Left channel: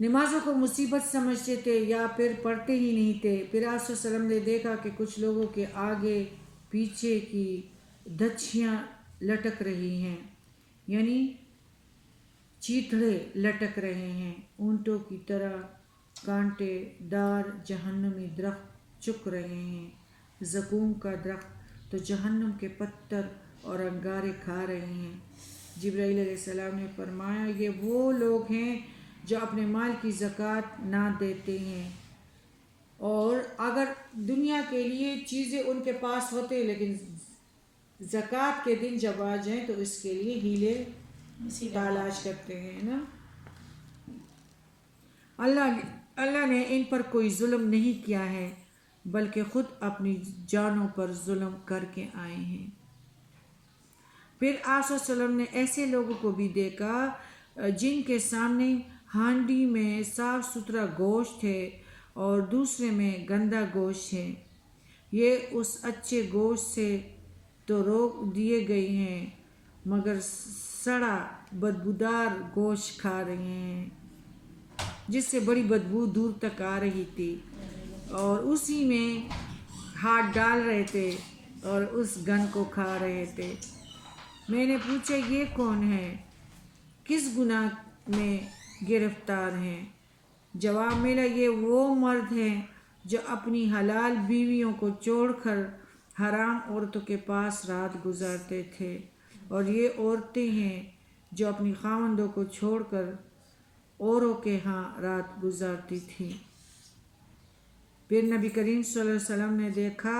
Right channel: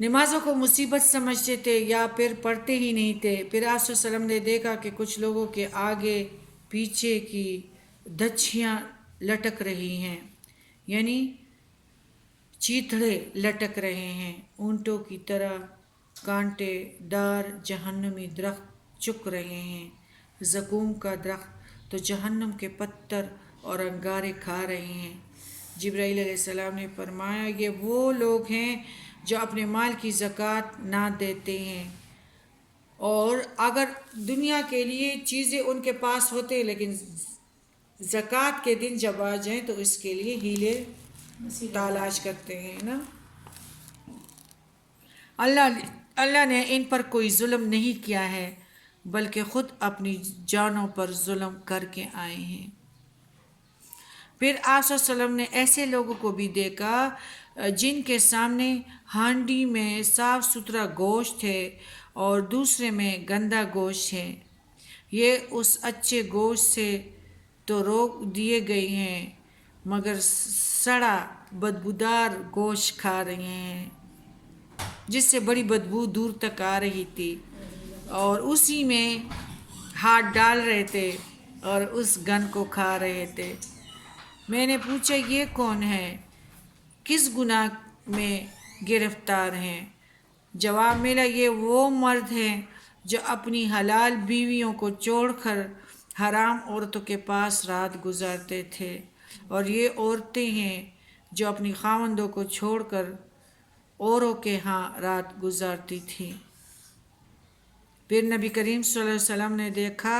نمازوں کو مصیبت سمجھتے تھے یا پھر پڑھتے ہی نہیں تھے۔ پھر آپ صلی اللہ علیہ وسلم نے دیکھا کہ کچھ لوگوں کے آگے پیچھے کی دچھیاں لٹک رہی ہیں، یعنی چیتڑے لٹک رہے ہیں، اونٹوں کی طرح کانٹے دار جہنمی درخت چک رہے ہیں، زقوم کا درخت تو جہنم کے پتھر اور انگارے کھا رہے ہیں۔ جبرائیل علیہ السلام نے فرمایا یہ وہ لوگ ہیں جو اپنے مال کی زکوٰۃ نہ دیتے ہیں، اور اگر دنیا کے لیے چیزیں ان کے پاس ہوتے لیکن زکوٰۃ کے دن جب آ جائیں تو اس کے لیے ہیلے تلاش کرتے ہیں نا۔ اللہ نے ان پر کوئی ظلم نہیں کیا ہے بلکہ خود اپنی جانوں پر ظلم کر کے آئے ہیں۔ پھر آپ صلی اللہ علیہ وسلم نے ایسے لوگوں کو بھی دیکھا جن کے سامنے ہانڈی میں صاف ستھرا گوشت ہے اور دوسرے میں گندا گوشت ہے، یہ اس اچھے گوشت سے تو روک دیے گئے ہیں مگر سڑا بدبودار گوشت کھا رہے ہیں جس سے بڑی بدبو دور تک آ رہی تھی، اور اسی میں ہاتھ ڈال رہے تھے اور اس گند کو کھا رہے تھے۔ میں نے پوچھا یہ کون ہے، کس گناہ میں گرفتار ہیں؟ جواب ملا یہ وہ مرد ہیں جو اپنی حلال بیویوں کو چھوڑ کر حرام عورتوں کے پاس رات گزارتے تھے، اور یہ عورتیں ہیں جو اپنی خاوندوں کو چھوڑ کر اوروں کے ہاں رات گزارتی تھی۔ پھر نبی کریم صلی اللہ علیہ وسلم نے دیکھا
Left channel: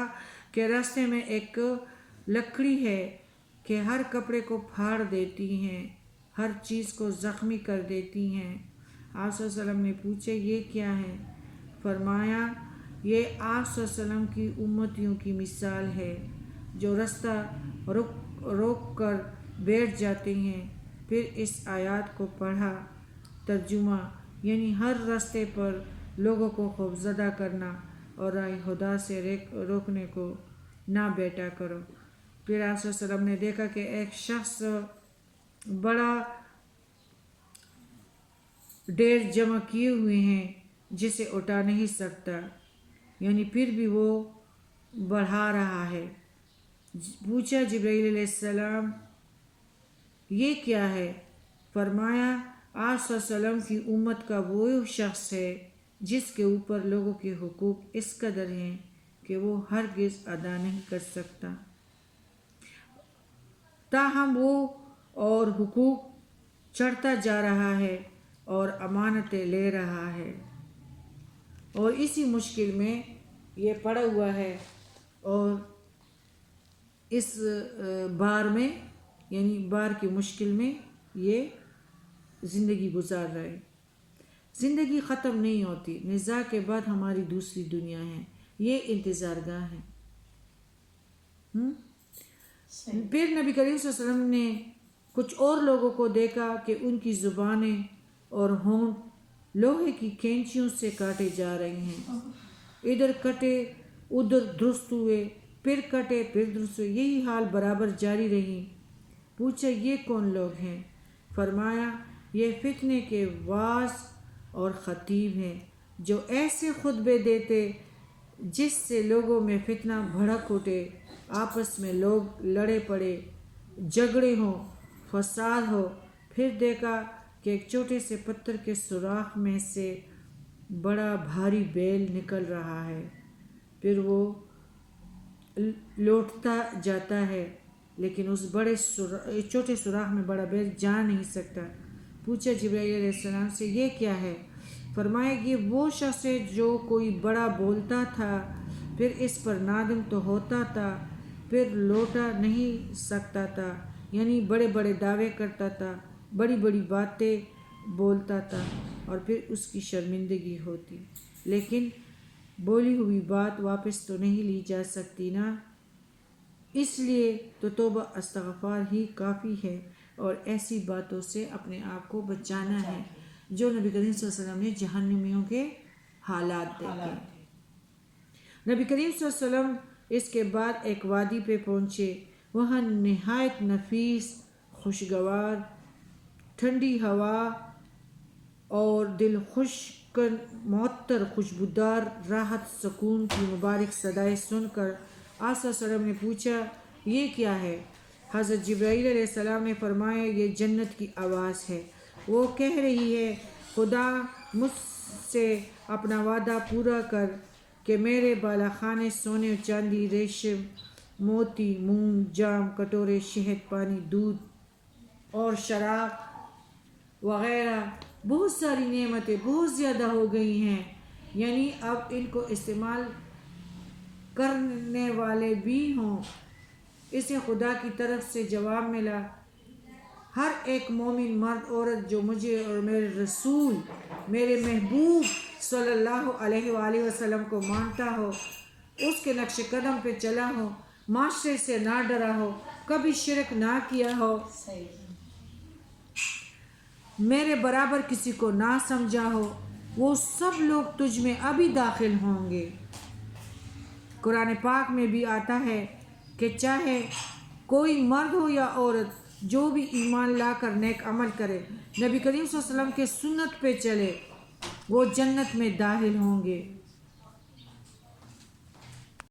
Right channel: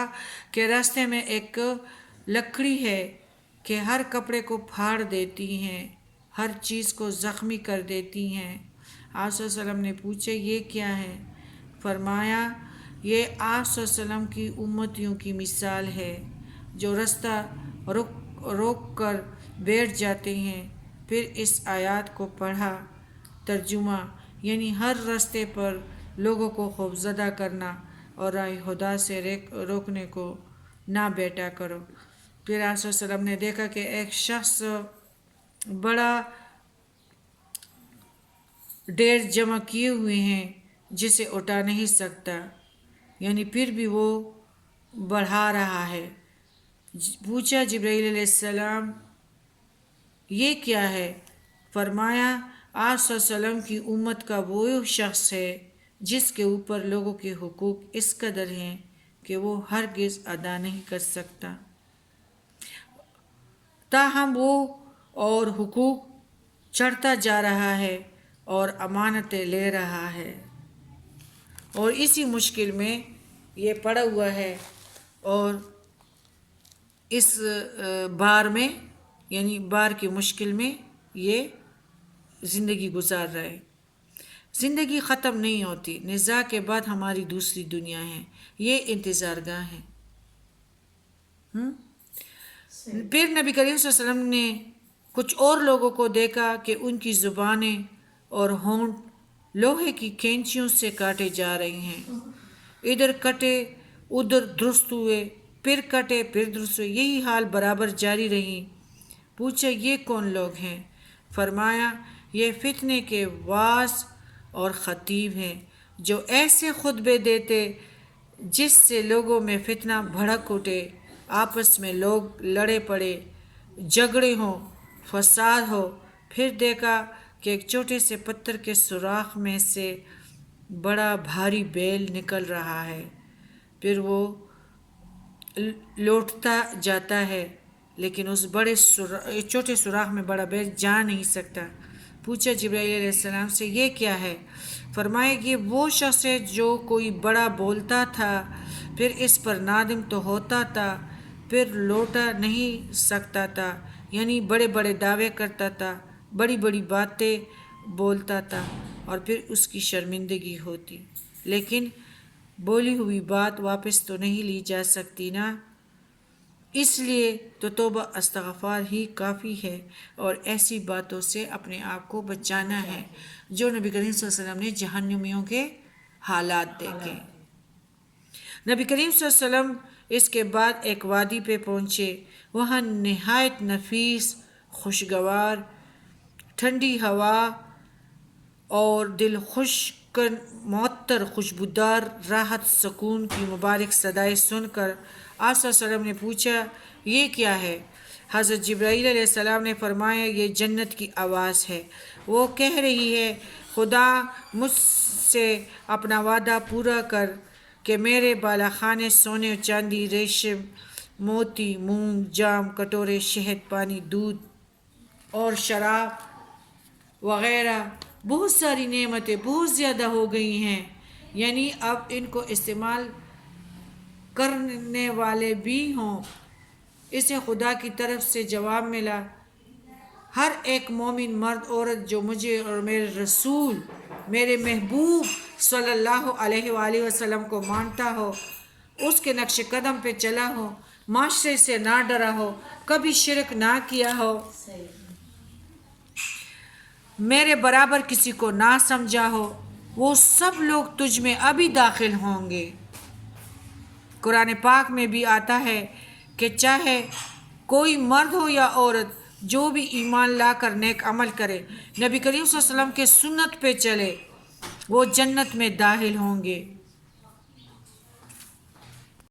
کہ راستے میں ایک لکڑی ہے کہ ہر کپڑے کو پھاڑ دیتی ہیں، ہر چیز کو زخمی کر دیتی ہیں۔ آپ صلی اللہ علیہ وسلم نے پوچھا یہ کیا ہے؟ فرمایا یہ آپ صلی اللہ علیہ وسلم کی امتیوں کی مثال ہے جو راستہ روک کر بیٹھ جاتے ہیں۔ پھر اس آیات کو پڑھا۔ ترجمہ یعنی ہر راستے پر لوگوں کو خوفزدہ کرنا اور راہ خدا سے روکنے کو نہ بیٹھا کرو۔ پھر آپ صلی اللہ علیہ وسلم نے دیکھا کہ ایک شخص بڑا ڈھیر جمع کیے ہوئے ہیں جسے اٹھا نہیں سکتا، یعنی پھر بھی وہ بڑھا رہا ہے۔ پوچھا جبرائیل علیہ السلام یہ کیا ہے؟ فرمایا آپ صلی اللہ علیہ وسلم کی امت کا وہ شخص ہے جس کے اوپر لوگوں کے حقوق اس قدر ہیں کہ وہ ہرگز ادا نہیں کر سکتا، تاہم وہ اور حقوق چڑھتا جا رہا ہے اور امانتیں لے رہا ہے، اور اسی مشکل میں یہ پڑا ہوا ہے اور اس بار میں یعنی بار کی مشکل میں یہ زندگی گزار رہا ہے۔ زندگی ختم نہیں ہوتی، نزاع کے بعد ہماری دوسری دنیا ہے، یہ انتظار گاہ ہے۔ پھر نبی کریم صلی اللہ علیہ وسلم نے کچھ اور لوگوں کو دیکھا کہ ان کی زبانیں اور ہونٹ لوہے کی کینچیوں سے کاٹے جا رہے ہیں، ادھر کٹے ادھر درست ہوئے، پھر کٹے پھر درست ہوئے، یہی حال برابر جاری رہی۔ پوچھا یہ کون لوگ ہیں؟ فرمایا یہ فتنے کے واعظ اور خطیب ہیں جو ایسے خطبے دیتے جس سے لوگوں میں فتنہ بھڑک اٹھے، آپس میں لوگ لڑے پڑے، جھگڑے ہوں، فساد ہو۔ پھر دیکھا کہ ایک چھوٹے سے پتھر کے سوراخ میں سے بڑا بھاری بیل نکل رہا ہے، پھر وہ لوٹتا جاتا ہے لیکن اس چھوٹے سوراخ میں بڑا بیل جا نہیں سکتا۔ پوچھا جبرائیل علیہ السلام سے یہ کیا ہے؟ فرمایا یہ وہ شخص ہے جو کوئی بڑا بولتا تھا، پھر اس پر نادم تو ہوتا تھا، پھر لوٹا نہیں سکتا تھا، یعنی بڑے بڑے دعوے کرتا تھا، بڑی بڑی باتیں بولتا تھا اور پھر اس کی شرمندگی ہوتی، لیکن بولی ہوئی بات واپس تو نہیں لی جا سکتی نا، اس لیے تو توبہ استغفار ہی کافی ہے اور ایسی باتوں سے اپنے آپ کو بچانا ہے۔ جو نبی کریم صلی اللہ علیہ وسلم نے جہنمیوں کے حالات دیکھے۔ نبی کریم صلی اللہ علیہ وسلم اس کے بعد ایک وادی پہ پہنچے، وہاں نہایت نفیس خوشگوار ٹھنڈی ہوا اور دل خوش کن معطر خوشبودار راحت سکون کی مبارک صدائیں سن کر آپ صلی اللہ علیہ وسلم نے پوچھا یہ کیا ہے؟ حضرت جبرائیل علیہ السلام نے فرمایا یہ جنت کی آواز ہے، وہ کہہ رہی ہے خدا مجھ سے اپنا وعدہ پورا کر کہ میرے بالا خانے سونے و چاندی، ریشم، موتی، مونگ، جام، کٹورے، شہد، پانی، دودھ اور شراب وغیرہ بہت ساری نعمتیں بہت زیادہ ہو گئی ہیں، یعنی اب ان کو استعمال کرنے والے بھی ہوں۔ اسے خدا کی طرف سے جواب ملا، ہر ایک مومن مرد عورت جو مجھے اور میرے رسول میرے محبوب صلی اللہ علیہ وآلہ وسلم کو مانتا ہو، اس کے نقش قدم پہ چلا ہو، معاشرے سے نہ ڈرا ہو، کبھی شرک نہ کیا ہو، میرے برابر کسی کو نہ سمجھا ہو، وہ سب لوگ تجھ میں ابھی داخل ہوں گے۔ قرآن پاک میں بھی آتا ہے کہ چاہے کوئی مرد ہو یا عورت، جو بھی ایمان لا کر نیک عمل کرے، نبی کریم صلی اللہ علیہ وسلم کے سنت پہ چلے، وہ جنت میں داخل ہوں گے۔